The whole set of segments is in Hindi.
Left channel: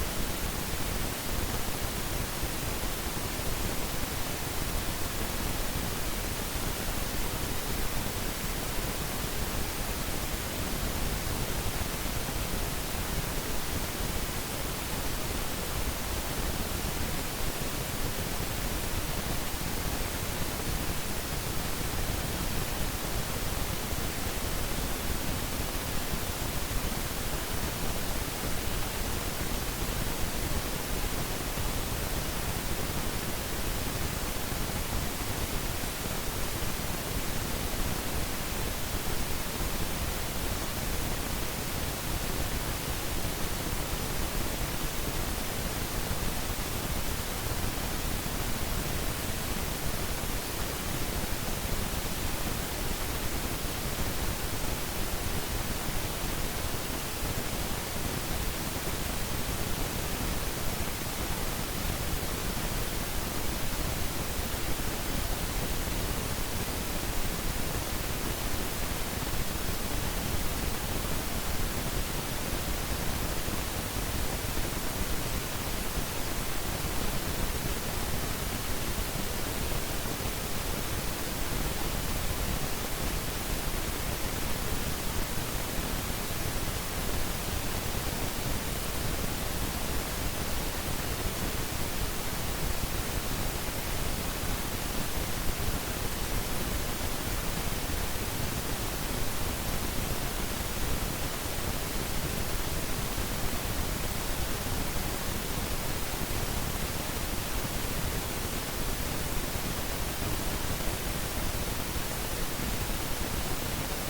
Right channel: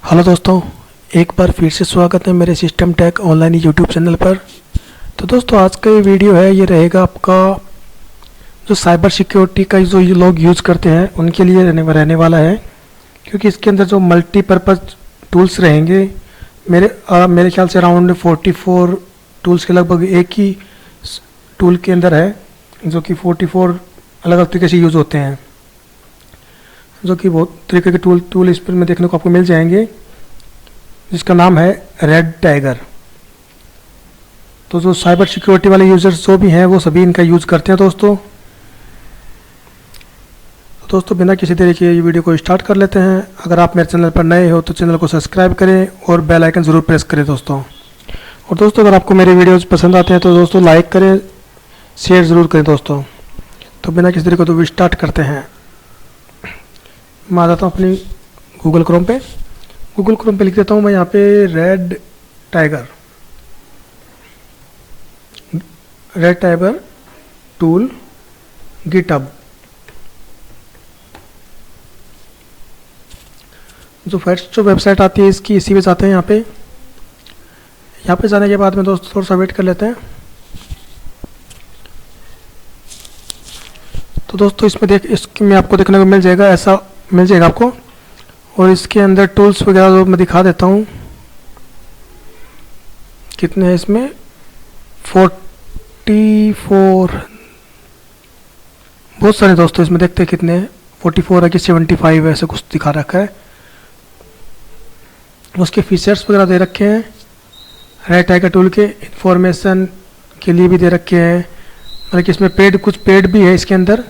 हेलो दोस्तों, एक बार फिर से स्वागत है मेरे system tech online YouTube channel पर। तो दोस्तों, आज का ये वीडियो है, ये रहेगा आपका जो साइबर सिक्योरिटी का जो ये लोग यूज़ करते हैं उनके लिए रहने वाला है। क्योंकि इसके अंदर जो मल्टीपर्पज़ टूल्स रहेंगे, मेरे ख्याल से अराउंड 44 टूल्स के लगभग एक ही टूल के अंदर है, जो कि 44 अलग अलग तरीके से यूज़ होते हैं, जो कि बहुत तरीके के टूल इस पर में देखने को आपको मिल जाएंगे, जिसका नाम है रेड टाइगर। तो जो साइबर सिक्योरिटी वाले यूज़र्स जो भी हैं वो सभी इनका यूज़ करते हैं। दोस्तों बिना किसी देरी के ये वीडियो को स्टार्ट कर लेते हैं। अगर आप मेरे चैनल पर नए हो तो चैनल को सब्सक्राइब करें और बेल आइकन ज़रूर प्रेस करें दोस्तों। और दोस्तों, अगर आपको मेरे वीडियोज़ पसंद आते हैं तो दोस्तों लाइक करें, शेयर ज़रूर करें दोस्तों। तो बिना किसी देरी को तो स्टार्ट करते हैं। मैं आ जाता हूँ अपनी गूगल क्रोम पे लिख देता हूँ मैं यहाँ पे रेड टाइगर टूल गिटहब। जो फर्स्ट जो वेबसाइट आती है इसकी, इसी पे जाते हैं। यहाँ पे जाने के बाद में दोस्तों थोड़ा सा वेट कर लेते हैं। तो दोस्तों इसमें आपको देखने को मिल जाएगा, ऐसा मिल जाएगा आपको। और इसके अंदर टूल्स वगैरह जो मैं दिखा देता हूँ कितने हैं इसमें। 44 बहुत सारे दोस्तों इसमें, देखते हैं कितने हैं। 44 है कि 75 ऐसे कुछ दिखा रखा है। उसके फीचर्स वगैरह दे रखे हैं। रेड टाइगर टूल के इंफॉर्मेशन के लिए भी दे रखे हैं, मतलब कि इसमें कुछ पेड भी है इसके अंदर।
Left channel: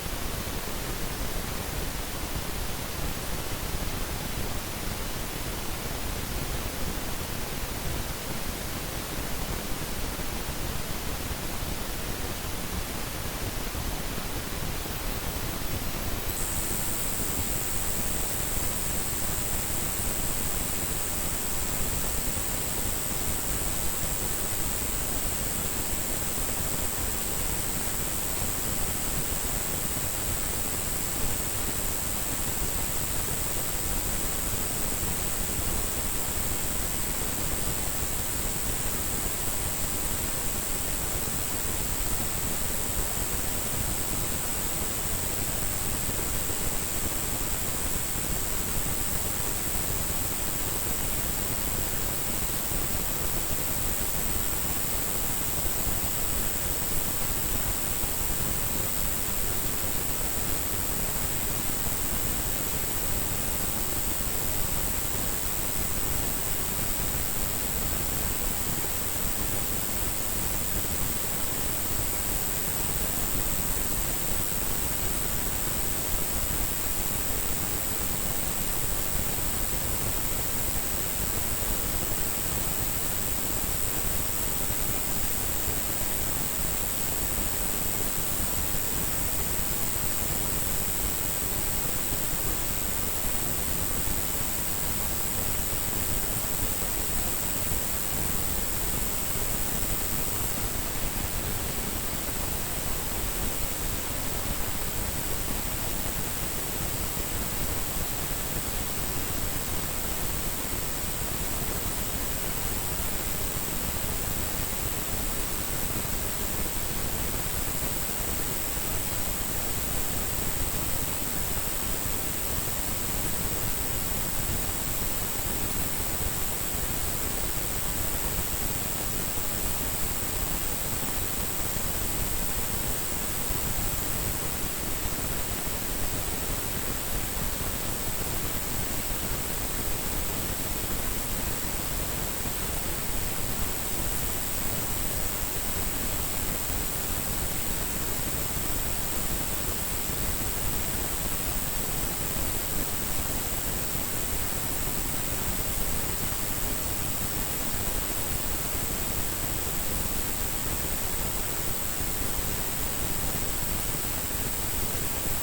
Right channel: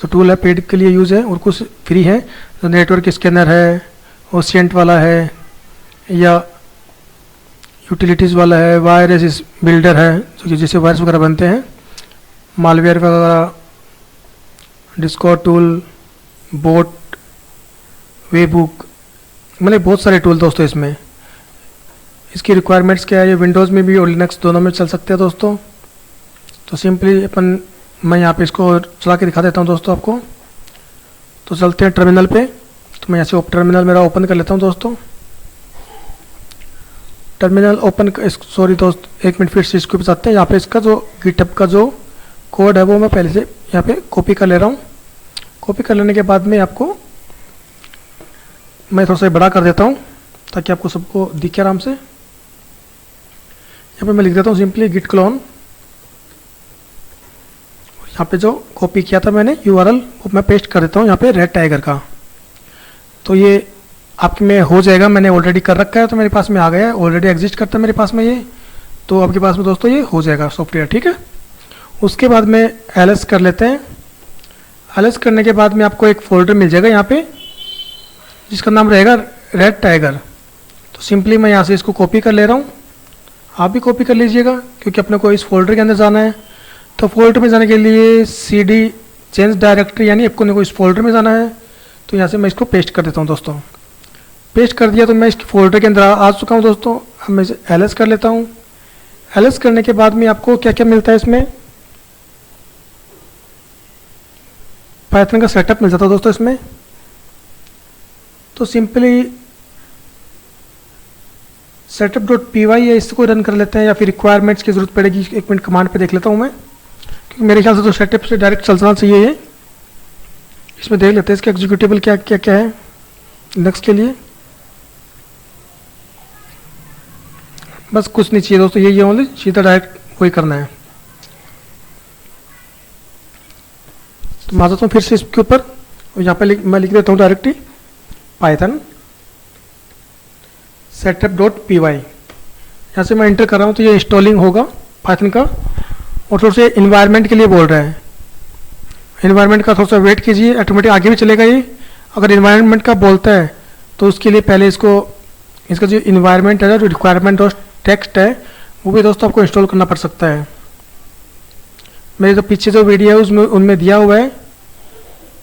तो टूल है पेड के लिए यूज़ है और कुछ फ्री है। तो नेटवर्क स्कैनर है, ओशियंट वाला है, या यूटिलिटीज़ वाला है, वायरस बिल्डर है, जो जिससे वायरस वगैरह बनते हैं, मालवेयर वगैरह, डिस्कॉर्ड टूल, बोट, वेबुक, मतलब बहुत सारे टूल दोस्तों इसमें। इसकी रिक्वायरमेंट्स क्या है, ये विंडोज़ में भी और लिनक्स दोनों में चल सकते हैं दोस्तों। तो सिंपली मैं यहाँ पे इसको चला के दिखा देता हूँ दोस्तों आपको। तो चलते हैं टर्मिनल पे। तो मैं यहाँ से टर्मिनल मेरा ओपन कर लेता हूँ दोस्तों। टर्मिनल ओपन सॉरी दोस्त, एक मिनट फिर से इसको बताते हैं। यहाँ पे इसका जो गिटहब का जो कोड है वो मैं पहले से यहाँ पे कॉपी कर ले रहा हूँ। कॉपी कर लेने के बाद में आपको मैं थोड़ा सा बड़ा कर देता हूँ ताकि आपको सबको दिखे आराम से। यहाँ पे मैं लिख देता हूँ सिंपली गिट क्लोन। यहाँ पे जो कॉपी किया था मैंने URL मैं पेस्ट कर देता हूँ यहाँ पे रेड टाइगर का। तो ये आपके में हो जाएगा, मैंने ऑलरेडी कर रखा है तो मेरे पास में आ गया है, ऑलरेडी एग्जिस्ट करता है मेरे पास में ये। तो आपके पास में दोस्तों ये हो जाएगा सॉफ्टवेयर, ठीक है। उसके बाद में LS कर लेते हैं। LS करने के बाद में आपको एक फोल्डर मिल जाएगा यहाँ पे, जिसका नाम रहेगा रेड टाइगर। तो सिंपली मैं यहाँ से इसको कॉपी कर ले रहा हूँ। आप भी कॉपी कर लीजिएगा क्योंकि अपने को इस फोल्डर के अंदर जाना है। तो फोल्डर में जाने के लिए CD चेंज डायरेक्टरी, यानी आपको इस फोल्डर में जाना है। तो यहाँ से मैं इसको पेस्ट कर देता हूँ दोस्तों। पेस्ट कर दिया तो मैं इसके फोल्डर के अंदर आ चुका हूँ दोस्तों। अब मैं इसे LS कर लेता हूँ। LS करने के बाद में आपको क्या क्या मिलता है इसमें, पाइथन का सेटअप मिल जाता है दोस्तों इसमें। तो सिंपली setup.py है, इसको रन कर लेते हैं, या फिर रिक्वायरमेंट्स की ज़रूरत पड़ेगी। एक मिनट कमांड पे देख लेता हूँ मैं, मेरे ख्याल से तो सेटअप से डायरेक्ट चलना चाहिए ये। इसमें देख लेते हैं इसका एग्जीक्यूटेबल क्या क्या क्या है लिनक्स के लिए। बस कुछ नहीं चाहिए दोस्तों, ये ओनली सीधा डायरेक्ट वही करना है। तो मैं आ जाता हूँ फिर से इसके ऊपर। यहाँ पे मैं लिख देता हूँ डायरेक्टली पाइथन setup.py। यहाँ से मैं इंटर कर रहा हूँ तो ये इंस्टॉलिंग होगा पाइथन का। और थोड़ा सा इन्वायरमेंट के लिए बोल रहा है, इन्वायरमेंट का थोड़ा सा वेट कीजिए, ऑटोमेटिक आगे भी चलेगा ये। अगर इन्वायरमेंट का बोलता है तो उसके लिए पहले इसका जो इन्वायरमेंट है, जो रिक्वायरमेंट और टेक्स्ट है, वो भी दोस्तों आपको इंस्टॉल करना पड़ सकता है। मेरे जो पीछे जो वीडियो है उसमें उनमें दिया हुआ है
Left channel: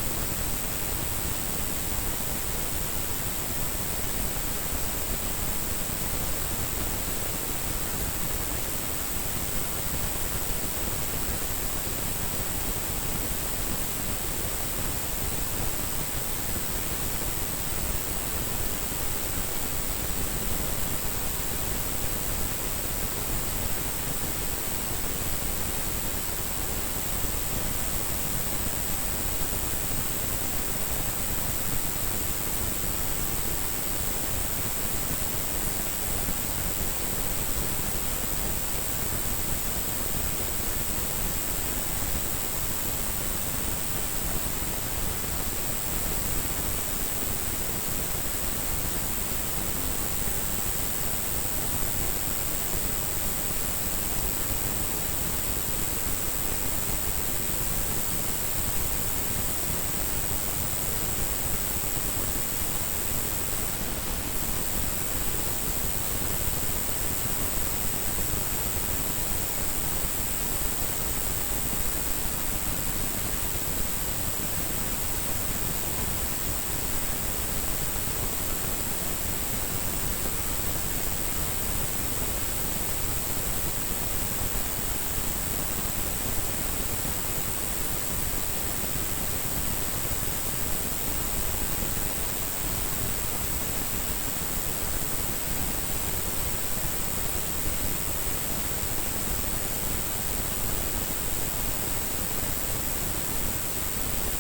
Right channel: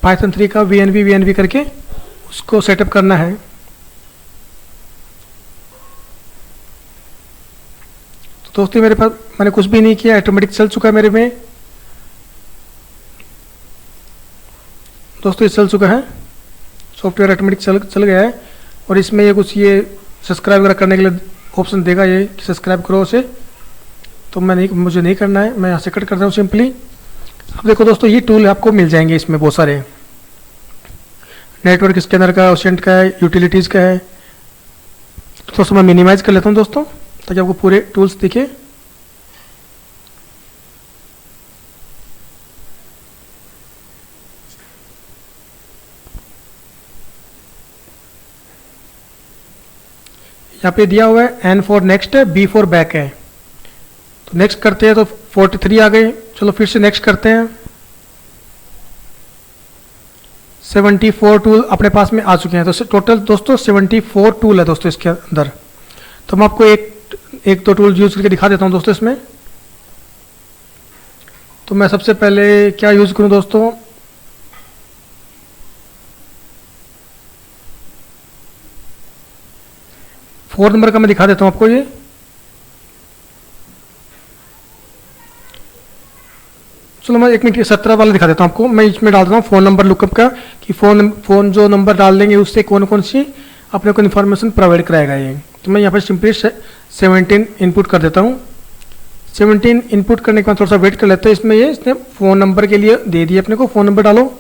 पाइथन 3 का VNV करके, उसको सेटअप करना है। दोस्तों मेरे पास मैंने कुछ भी नहीं किया, ऑटोमेटिक चल चुका है मेरे में दोस्तों। ये चल चुका है, सॉफ्टवेयर ऑटोमेटिक चल गया है। और इसमें ये कुछ ये सब्सक्राइब वगैरह करने के लिए ऑप्शन देगा, ये सब्सक्राइब करो उसे, तो मुझे नहीं करना है, मैं यहाँ से कट करता हूँ सिंपली। अब देखो दोस्तों ये टूल आपको मिल जाएंगे इसमें बहुत सारे, नेटवर्क स्कैनर का, ओशेंट का है, यूटिलिटीज़ का है। तो दोस्तों मैं मिनिमाइज़ कर लेता हूँ दोस्तों, ताकि आपको पूरे टूल्स दिखे। यहाँ पे दिया हुआ है N फॉर नेक्स्ट है, B फॉर बैक है। तो नेक्स्ट करते हैं तो 43 आ गए। चलो फिर से नेक्स्ट करते हैं। 74 टूल अपने पास में आ चुके हैं। तो टोटल दोस्तों 74 टूल है दोस्तों इसके अंदर। तो मैं आपको एक दो टूल यूज़ करके दिखा देता हूँ दोस्तों इसमें। तो मैं सबसे पहले क्या यूज़ करूँ दोस्तों, फोर नंबर का मैं दिखा देता हूँ आपको। ये चलो मैं 1 मिनट 17 वाला दिखा देता हूँ आपको। मैं इसमें डाल देता हूँ फ़ोन नंबर लुकअप का, कि फ़ोन जो नंबर डाल देंगे उससे कौन कौन सी अपने को इन्फॉर्मेशन प्रोवाइड कराएगा ये। तो मैं यहाँ पर सिंपली 17 इनपुट कर देता हूँ। 17 इनपुट करने के बाद थोड़ा सा वेट कर लेते हैं। इसने फ़ोन नंबर के लिए दे दिए अपने को, फ़ोन नंबर डालो।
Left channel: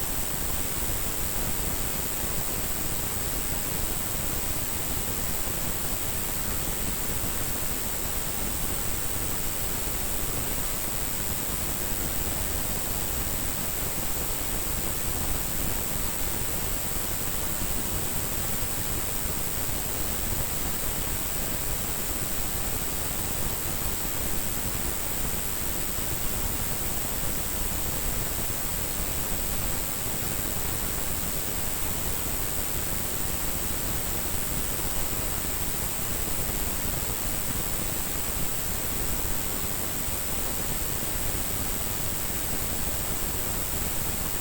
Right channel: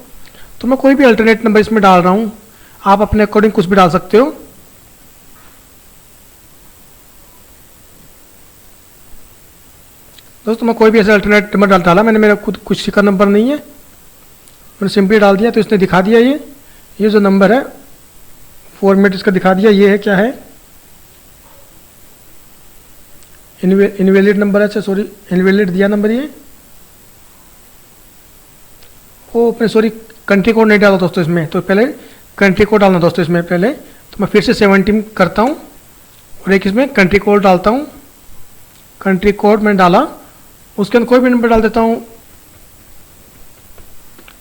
तो मैं कोई भी अल्टरनेट नंबर इसमें डाल रहा हूँ, आप अपने अकॉर्डिंग कुछ भी डाल सकते हो। दोस्तों मैं कोई भी ऐसा अल्टरनेट नंबर डाला, मैंने मेरा खुद कुछ का नंबर नहीं है, मैंने सिंपली डाल दिया। तो इसने दिखा दिया ये जो नंबर है फॉर्मेट इसका दिखा दिया। ये है क्या है, इनवैलिड नंबर है। अच्छा सॉरी, इनवैलिड दिया नंबर ये। वो अपने सॉरी कंट्री कोड नहीं डाला दोस्तों इसमें, तो पहले कंट्री कोड डालना दोस्तों इसमें पहले। तो मैं फिर से 17 करता हूँ और एक इसमें कंट्री कोड डालता हूँ। कंट्री कोड मैंने डाला, उसके अंदर कोई भी नंबर डाल देता हूँ,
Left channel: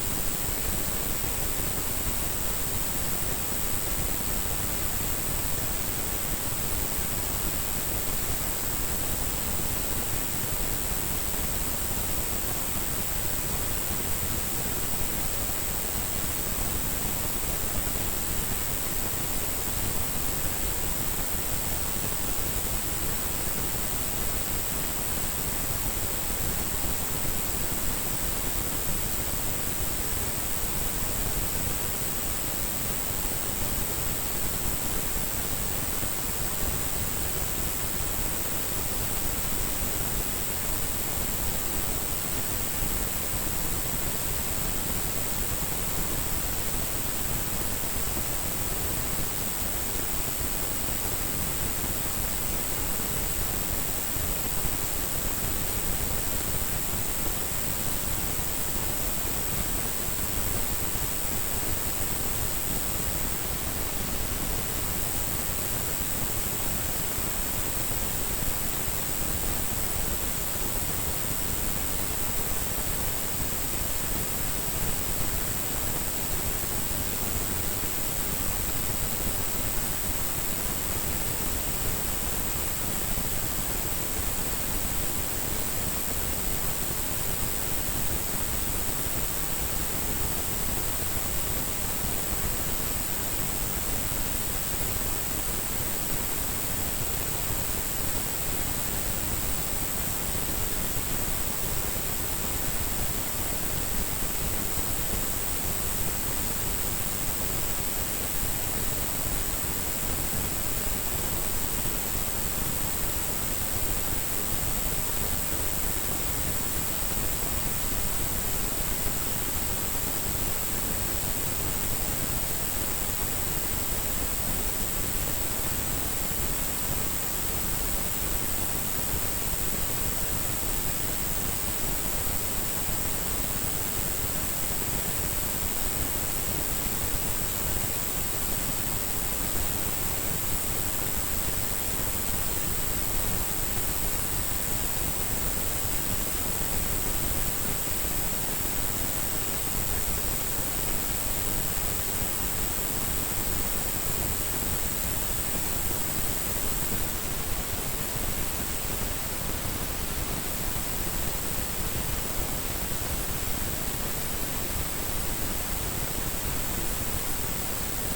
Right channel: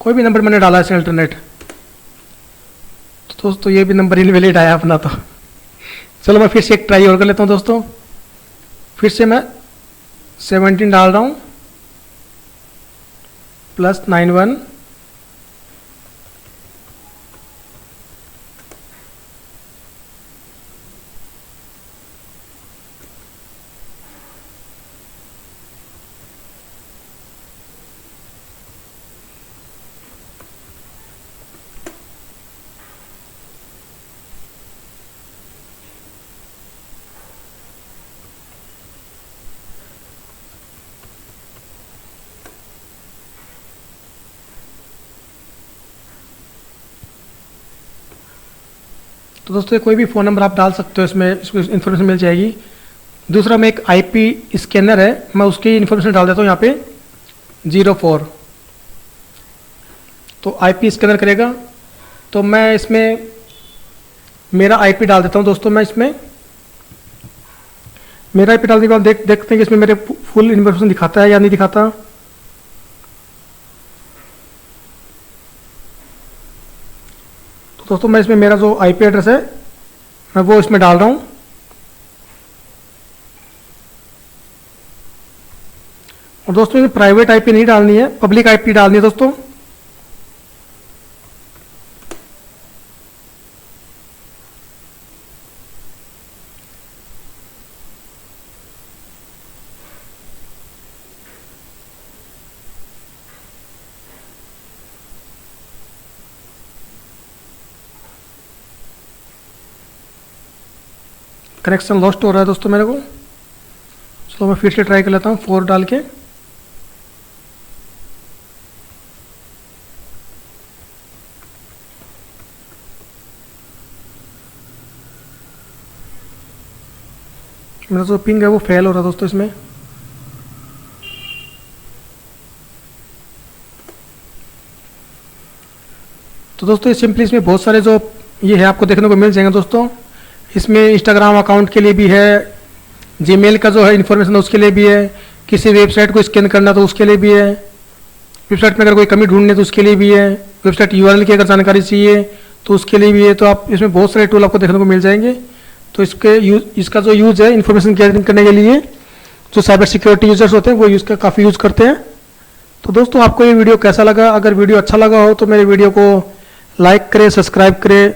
कोई भी नंबर मैंने डाला है अल्टरनेट। तो दोस्तों ये भी नंबर इनवैलिड आया अपना। तो चलो मैं फिर से एक ट्राई और कर लेता हूँ दोस्तों। फिर से मैं 17 डाल रहा हूँ +91। तो दोस्तों कोई भी फ़ोन नंबर आप डाल सकते हो, इसमें इन्फॉर्मेशन मिल जाएगी। दूसरा में एक आईपी स्कैनर है, मैं उसकी इन्फॉर्मेशन डाल देता हूँ यहाँ पे 04। तो आईपी स्कैनर करेगा। तो मैं इसमें मेरा आईपी डाल देता हूँ दोस्तों। मैं इसमें मेरा आईपी डालने के बाद देखते हैं कि इसमें मेरे फुल इन्फॉर्मेशन दिखाता है या नहीं दिखाता। दोस्तों मैं इसमें मेरा जो आईपी एड्रेस है मैं वो इसमें डाल रहा हूँ। और दोस्तों ये प्राइवेट आईपी नहीं डालनी है, पब्लिक आईपी डालनी है दोस्तों। कनेक्शन लॉस्ट हो रहा है दोस्तों मेरे को, तो मैं फिर से ट्राई कर लेता हूँ 4 डाल के। मेरा जो पिंग है वो फेल हो रहा है दोस्तों इसमें। तो दोस्तों ये सिंपली इसमें बहुत सारे जो ये है आपको देखने को मिल जाएंगे दोस्तों। इसमें इंस्टाग्राम अकाउंट के लिए भी है, जीमेल का जो है इन्फॉर्मेशन उसके लिए भी है, किसी वेबसाइट को स्कैन करना तो उसके लिए भी है, वेबसाइट में अगर कोई कमी ढूंढनी है तो उसके लिए भी है, वेबसाइट यूआरएल की अगर जानकारी चाहिए तो उसके लिए भी है। तो आप इसमें बहुत सारे टूल आपको देखने को मिल जाएंगे। तो इसका जो यूज़ है इन्फॉर्मेशन गैदरिंग करने के लिए जो साइबर सिक्योरिटी यूजर्स होते हैं वो काफ़ी यूज़ करते हैं। तो दोस्तों आपको ये वीडियो कैसा लगा? अगर वीडियो अच्छा लगा हो तो मेरे वीडियो को लाइक करें, सब्सक्राइब करें